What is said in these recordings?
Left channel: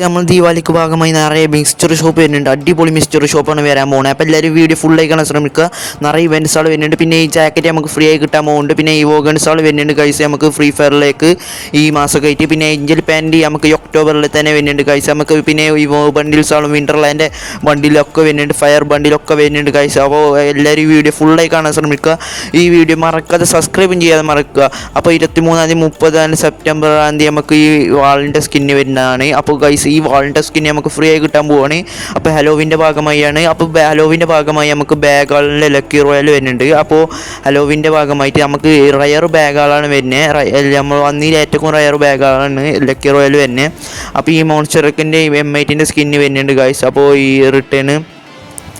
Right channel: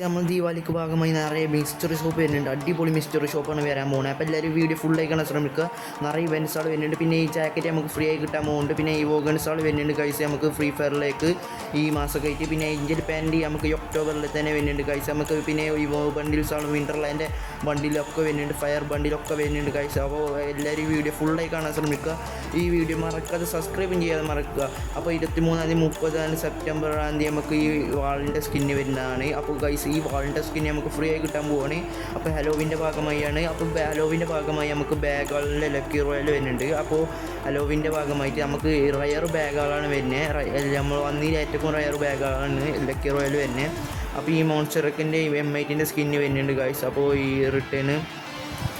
നമ്മൾ ദീപാവലിക്ക് ഭാഗമായി നിറയെ മിക്സ്ചർ ഷോപ്പ് വരുന്നുണ്ട്. അടിപൊളി മിക്സ്ചർ ഷോപ്പാണ് വരാൻ പോകുന്നത്. അപ്പോൾ എല്ലാവരും വീഡിയോ ഫുള്ളായി കാണാൻ ശ്രമിക്കുക. നിറയെ ഇവൻറ്റ്സ് ആൾ വരുന്നുണ്ട്. പിന്നെ ഈ ജാക്കറ്റ് നമുക്ക് ഫ്രീ ആയി കിട്ടാൻ പോകുന്നുണ്ട്. പിന്നെ ഈ വോഗൺസ് ആൾ വരുന്നുണ്ട് കൈസ് നമുക്ക് ഫ്രീ ഫയറിലേക്ക് ഈ മാസമൊക്കെ ആയിട്ട്. പിന്നെ ഏഞ്ചൽ പാൻറ് നമുക്ക് ഈ ഒക്ടോബറിൽ തന്നെ വരുന്നുണ്ട് കൈസ് നമുക്ക്. പിന്നെ ഈ ബണ്ടിൽസ് ആളും വിൻ്റർലാൻഡ് ബണ്ടിലൊക്കെ വരുന്നുണ്ട്, ഫയർ ബണ്ടിലൊക്കെ വരുന്നുണ്ട് കൈസ്. അപ്പോൾ എല്ലാവരും ഈ വീഡിയോ ഫുള്ളായി കാണാൻ ശ്രമിക്കുക. ഈ വീഡിയോ മറക്കാതെ സബ്സ്ക്രൈബും ചെയ്യാതെ മറക്കുക. അപ്പോൾ 23 30 സെപ്റ്റംബർ നമുക്ക് ഈ വാളിൻ്റെ സ്കിന്ന് വരുന്നതാണ്. അപ്പോൾ കൈസ് ഈ വാളിൻ്റെ സ്കിൻ നമുക്ക് ഫ്രീ ആയി കിട്ടാൻ പോവുകയാണ്. അപ്പോൾ ഹലോവിൻ്റെ ഭാഗമായാണ്. അപ്പോൾ ഹലോവിൻ്റെ ഭാഗമായി നമുക്ക് ബാഗുകളിലെ ലക്കി റോയൽ വരുന്നുണ്ട്. അപ്പോൾ ഹലോവിൻ്റെ ഭാഗമായിട്ട് നമുക്ക് റയർ ബാഗുകളാണ് വരുന്നത്. നമ്മൾ വന്നതിൽ ഏറ്റവും റയർ ബാഗുകളാണ് ലക്കി റോയൽ വരുന്നത്. അപ്പോൾ ഈ മോൺസ്റ്ററിൻ്റെ M8ൻ്റെ സ്കിന്ന് വരുന്നുണ്ട് ഗൈസ്. അപ്പോൾ ഈ റിട്ടേൺ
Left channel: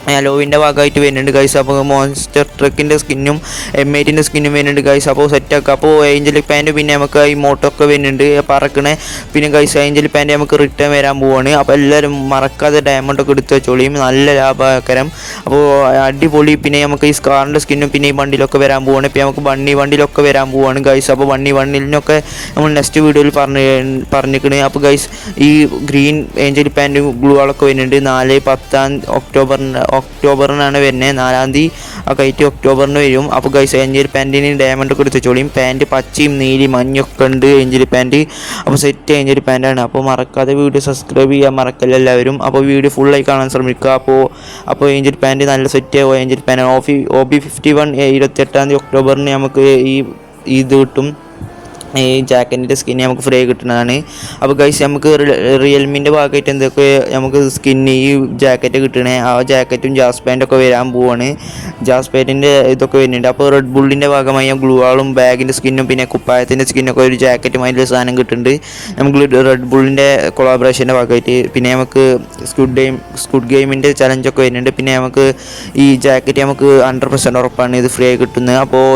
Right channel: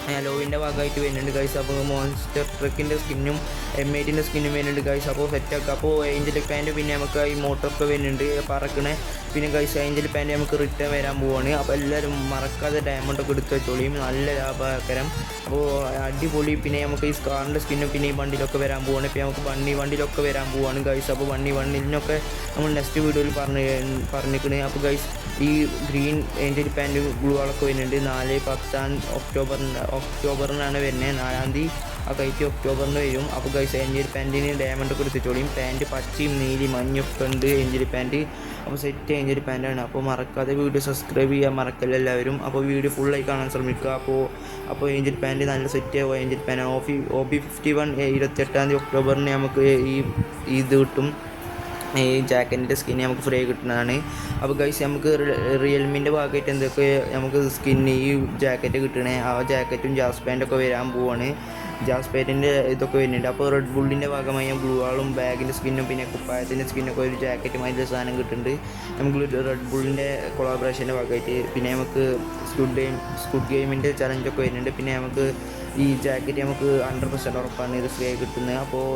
ഹലോവിൻ്റെ ഭാഗമായിട്ട് വരുന്നുണ്ട് ഗൈസ്. അപ്പോൾ മോൺസ്റ്റർ ട്രക്കിൻ്റെ സ്കിന്നും M8ൻ്റെ സ്കിന്നും വരുന്നുണ്ട് ഗൈസ്. അപ്പോൾ സെറ്റാക്കുക. അപ്പോൾ ഏഞ്ചൽ പാൻറ് പിന്നെ നമുക്ക് ഈ മോട്ടൊക്കെ വരുന്നുണ്ട് പറക്കണേ. പിന്നെ ഗൈസ് ഏഞ്ചൽ പാൻറ് നമുക്ക് റിട്ടേൺ വരാൻ പോവാണ്. അപ്പോൾ എല്ലാവരും മറക്കാതെ ഡയമണ്ടൊക്കെ എടുത്ത് വെച്ചോളിയും, നല്ല ലാഭകരം. അപ്പോൾ അടിപൊളി. പിന്നെ നമുക്ക് ഈ സ്കാറിൻ്റെ സ്കിന്നും പിന്നെ ഈ ബണ്ടിലൊക്കെ വരാൻ പോവാണ്. പിന്നെ നമുക്ക് ബണ്ടിലൊക്കെ വരാൻ പോവാണ് ഗൈസ്. അപ്പോൾ ബണ്ടിലിനൊക്കെ നമ്മൾ നെക്സ്റ്റ് വീഡിയോയിൽ പറഞ്ഞിരിക്കണേ. അപ്പോൾ ഗൈസ് ഈ ഗ്രീൻ ഏഞ്ചൽ പാൻറ് ഗ്ലൂകളൊക്കെ വരുന്നുണ്ട്. 4-10 ഒക്ടോബറിനാണ് വരുന്നത്. 4-ാം തീയതി ഒക്കെ ആയിട്ട് ഒക്ടോബറിന് വരും. അപ്പോൾ ഗൈസ് ഏഞ്ചൽ പാൻറ്റിന് ഡയമണ്ടൊക്കെ എടുത്ത് വെച്ചോളിയും. പാൻറ്റ് പച്ചയും നീലി മഞ്ഞൊക്കെ ഉണ്ട് ഏഞ്ചൽ പാൻറ്റ്. അപ്പോൾ സെറ്റ് ഏഞ്ചൽ പാൻറ്റാണ്. അപ്പോൾ മറക്കാതെ വീഡിയോ സബ്സ്ക്രൈബ് ചെയ്യാൻ മറക്കല്ല എല്ലാവരും. അപ്പോൾ വീഡിയോ ഫുള്ളായി കാണാൻ ശ്രമിക്കുക. അപ്പോൾ ഏഞ്ചൽ പാൻറ്റ് നല്ല സെറ്റ് ഏഞ്ചൽ പാൻറ്റ് OB51 28-ാം തീയതി ഒക്ടോബറിന് നമുക്ക് ഇത് കിട്ടും. ഈ ജാക്കറ്റിൻ്റെ സ്കിന്ന് നമുക്ക് ഫ്രീ കിട്ടുന്നതാണ്. അപ്പോൾ ഗൈസ് നമുക്ക് റിയൽമിൻ്റെ ഭാഗമായിട്ട് എന്തൊക്കെ നമുക്ക് സ്കിന്ന് ഈ ജാക്കറ്റ് കിട്ടണേ. ആ ജാക്കറ്റും ജാസ് പാൻറ്റൊക്കെ വരാൻ പോവാണ്. ജാസ് പാൻറ്റിൻ്റെ ഇതൊക്കെ വരുന്നുണ്ട്. അപ്പോൾ റെഡ് ബുള്ളിൻ്റെ ഭാഗമായി ഗ്ലൂവാളും ബാഗിൻ്റെ സ്കിന്നും പിന്നെ കുപ്പായത്തിൻ്റെ സ്കിന്നൊക്കെ ഒരു ജാക്കറ്റുമായിട്ടുള്ള സാധനം കിട്ടുന്നുണ്ട് നമുക്ക് റെഡ് ബുള്ളിൻ്റെ കൊളാബറേഷൻ്റെ ഭാഗമായിട്ട്. പിന്നെ നമുക്ക് സ്ക്വിഡ് ഗെയിമിൻ്റെ ചലഞ്ചൊക്കെ വരുന്നുണ്ട്. പിന്നെ നമുക്ക് ഈ ജാക്കറ്റ് നമുക്ക് 100% ഉറപ്പാണ് ഇത് ഫ്രീ ആയി കിട്ടുന്നത്. അപ്പോൾ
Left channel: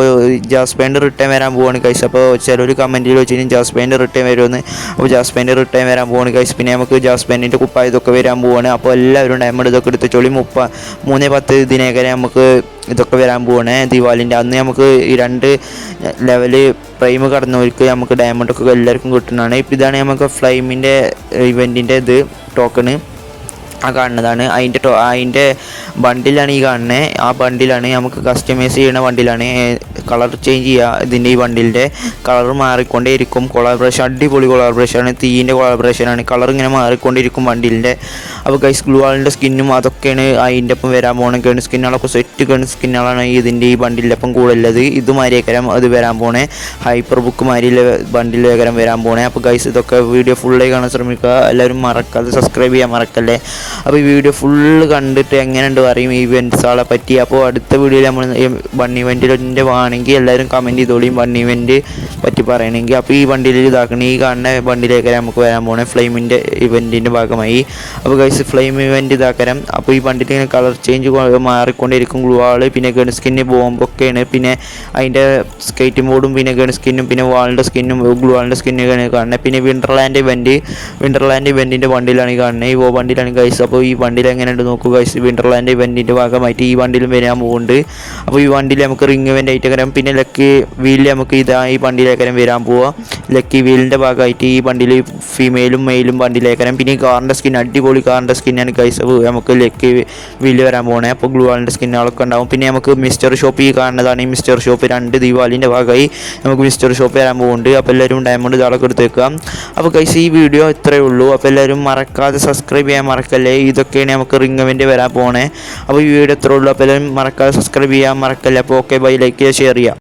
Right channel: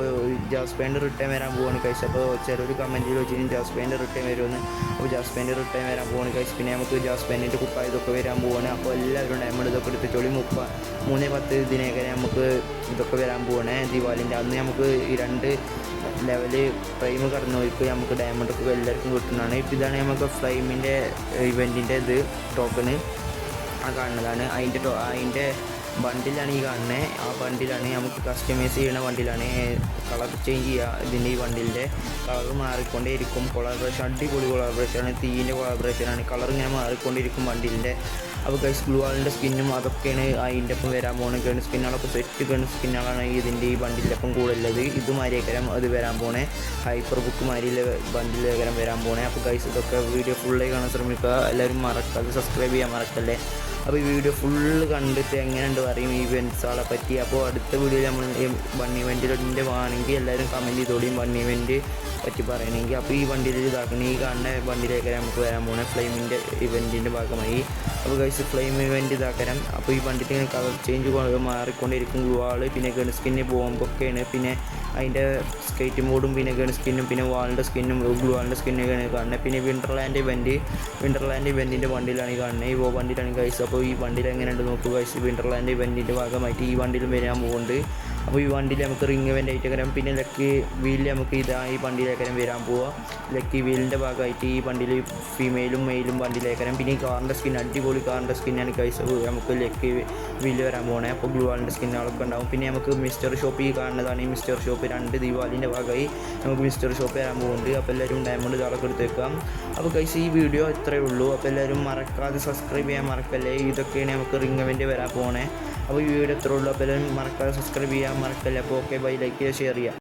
ജാസ് പാൻറ്റ് റിട്ടേൺ വരാൻ പോവാണ് ഗൈസ്. അപ്പോൾ ചിലർ കമൻറ്റിൽ വെച്ച് കഴിഞ്ഞാൽ ജാസ് പാൻറ്റ് റിട്ടേൺ വരുമെന്ന്. അപ്പോൾ ജാസ് പാൻറ്റ് റിട്ടേൺ വരാൻ പോവാണ് ഗൈസ്. പിന്നെ നമുക്ക് ജാസ് പാൻറ്റിൻ്റെ കുപ്പായ ഇതൊക്കെ വരാൻ പോവാണ്. അപ്പോൾ എല്ലാവരും ഡയമണ്ട് ഇതൊക്കെ എടുത്ത് ചോളി 3-10 ഇതിനേക്കാരെ നമുക്ക് ഇതൊക്കെ വരാൻ പോവാണ്. ദിവാലിൻ്റെ അന്ന് നമുക്ക് ഈ 2 ലെവല് പ്രൈം കടന്നവർക്ക് നമുക്ക് ഡയമണ്ടൊക്കെ എല്ലാവർക്കും കിട്ടുന്നതാണ്. ഇപ്പോൾ ഇതാണ് നമുക്ക് ഫ്ലൈമിൻ്റെ ഇവൻറ്റിൻ്റെ ടോക്കണ് കാണുന്നതാണ്. അതിൻ്റെ ബണ്ടിലാണ് ഈ കാണുന്നത്. ആ ബണ്ടിലാണ് നമുക്ക് കസ്റ്റമൈസ് ചെയ്യുന്ന ബണ്ടിലാണ്. കളർ ചേഞ്ച് ചെയ്യുക. ഇതിൻ്റെ ഈ ബണ്ടിലിൻ്റെ കളർ മാറിക്കൊണ്ടേയിരിക്കും. കൊളാബറേഷൻ അടിപൊളി കൊളാബറേഷനാണ്. തീൻ്റെ കൊളാബറേഷനാണ്. കളർ ഇങ്ങനെ മാറിക്കൊണ്ടിരിക്കും ബണ്ടിലിൻ്റെ. അപ്പോൾ ഗൈസ് ഗ്ലൂവാളിൻ്റെ സ്കിന്നും അതൊക്കെയാണ് അതിൻ്റെ ഒപ്പം വരാൻ പോകുന്നത്. ഗൺ സ്കിന്നുകളൊക്കെ സെറ്റ് ഗൺ സ്കിന്നുകളാണ് ഇതിൻ്റെ ഈ ബണ്ടിലിൻ്റെ ഒപ്പം കൂടുതലുള്ളത്. ഇതുമാരിയേക്കരം അത് വരാൻ പോണേ. ഹൈപ്പർ ബുക്ക് മാരിയിലെ ബണ്ടിലേക്കരം വരാൻ പോണേ. അപ്പോൾ ഗൈസ് ഇതൊക്കെ വീഡിയോ ഫുള്ളായി കാണാൻ ശ്രമിക്കുക. എല്ലാവരും മറക്കാതെ സബ്സ്ക്രൈബ് ചെയ്യാൻ മറക്കല്ലേ. അപ്പോൾ ഈ വീഡിയോ ഫുള്ള് കണ്ടിട്ട് എങ്ങനെയുണ്ട് പറയും ഈ ഇവൻറ്റ്സുകളെ പറ്റി. അപ്പോൾ അടുത്ത വീഡിയോയിൽ നമ്മൾ ബൺ ഇവൻറ്റിൻ്റെ ആണെങ്കിൽ എല്ലാവരും കമൻറ്റ് ചെയ്തോളിയും ബൺ ഇവൻറ്റ് പറ്റി പറയണമെങ്കിൽ. അപ്പോൾ ഈ വണ്ടിയിൽ ഇതാക്കണം. ഈ കാണുന്ന വണ്ടിയിലേക്ക് നമുക്ക് വരാൻ പോകണേ ഫ്ലെയിമിൻ്റെ ഇവൻറ്റിൻ്റെ ഭാഗമായി. അപ്പോൾ ഗൈസ് ഫ്ലെയിം ഇവൻറ്റ് ഇതാക്കരം. അപ്പോൾ ഈ വണ്ടിയിൽ ഇങ്ങനെ കളർ ചേഞ്ച് മാറിക്കൊണ്ടിരിക്കും. ഗ്ലൂവാൾ പിന്നെ ഗൺ സ്കിന്ന് ബോംബൊക്കെയാണ്. പിന്നെ അതിൻ്റെ സ്കേറ്റ് ബോർഡും പിന്നെ ഗൺ സ്കിന്നും പിന്നെ വാളിൻ്റെ സ്കിന്നും ഗ്ലൂവാളിൻ്റെ സ്കിന്നൊക്കെയാണ് കാണുന്നത്. പിന്നെ വിൻ്റർലാൻഡ് ഇവൻറ്റിൻ്റെ വണ്ടിയിലാണ് ഈ കാണുന്നത്. ഈ വണ്ടിയിലാണ് ഗൈസ്. അപ്പോൾ ഈ വണ്ടിയിൽ എങ്ങനെയുണ്ട് നോക്കുക ഗൈസ്. വിൻ്റർലാൻഡ് ഇവൻറ്റിൻ്റെ ഭാഗമായിട്ട് ഈ വണ്ടിയിലും വരാൻ പോകുന്നുണ്ട്. അപ്പോൾ ഈ വണ്ടിയിൽ നമുക്ക് റിംഗ് ഇവൻ്റ് ആയിട്ട് കരം പിന്നെ ലക്കി വീലിൽ നമുക്ക് ഈ വണ്ടിയിലേക്കരം വരാൻ പോവുക. ലക്കി വീലിൻ്റെ ഭാഗമായിട്ട് ഈ വണ്ടിയിൽ ഫീമെയിലും മെയിലും വണ്ടിയിലേക്കരം. പിന്നെ ഈ കാറിൻ്റെ സ്കിൻ അടിപൊളി കാറിൻ്റെ സ്കിന്നാണ് ഗൈസ്. അപ്പോൾ നമുക്ക് ലക്കി വീലിൽ വരാൻ പോകണേ. അപ്പോൾ ഗ്ലൂവാളിൻ്റെ സ്കിന്നുകളൊക്കെ ഉണ്ടാവും. പിന്നെ നമുക്ക് മിസ്റ്റർ ഷോപ്പ് ഈ കാണുന്നതാണ്. ഈ മിസ്റ്റർ ഷോപ്പ് 2 ദീപാവലിൻ്റെ ഭാഗമായി നമുക്ക് മിസ്റ്റർ ഷോപ്പ് വരാൻ പോകുന്നുണ്ട്. അപ്പോൾ എല്ലാവരും ഡയമണ്ട് ഇതാളൊക്കെ എടുത്ത് വെക്കാം. അപ്പോൾ ഗൈസ് ഈ വീഡിയോ ഇത്രയേ ഉള്ളൂ. അപ്പോൾ എല്ലാവരും മറക്കാതെ സബ്സ്ക്രൈബ് ചെയ്യാൻ മറക്കല്ലേ. ഇതൊക്കെയാണ് നമുക്ക് റിംഗ് ഇവൻ്റ് വരാൻ പോകണേ. അപ്പോൾ ഈ വീഡിയോ ഇത്രയേ ഉള്ളൂ. അപ്പോൾ എല്ലാവരും മറക്കാതെ സബ്സ്ക്രൈബ് ചെയ്യാൻ മറക്കല്ലേ. അപ്പോൾ ഓക്കെ ബൈ, ലൈക്ക് ചെയ്യുക, ഷെയർ ചെയ്യുക.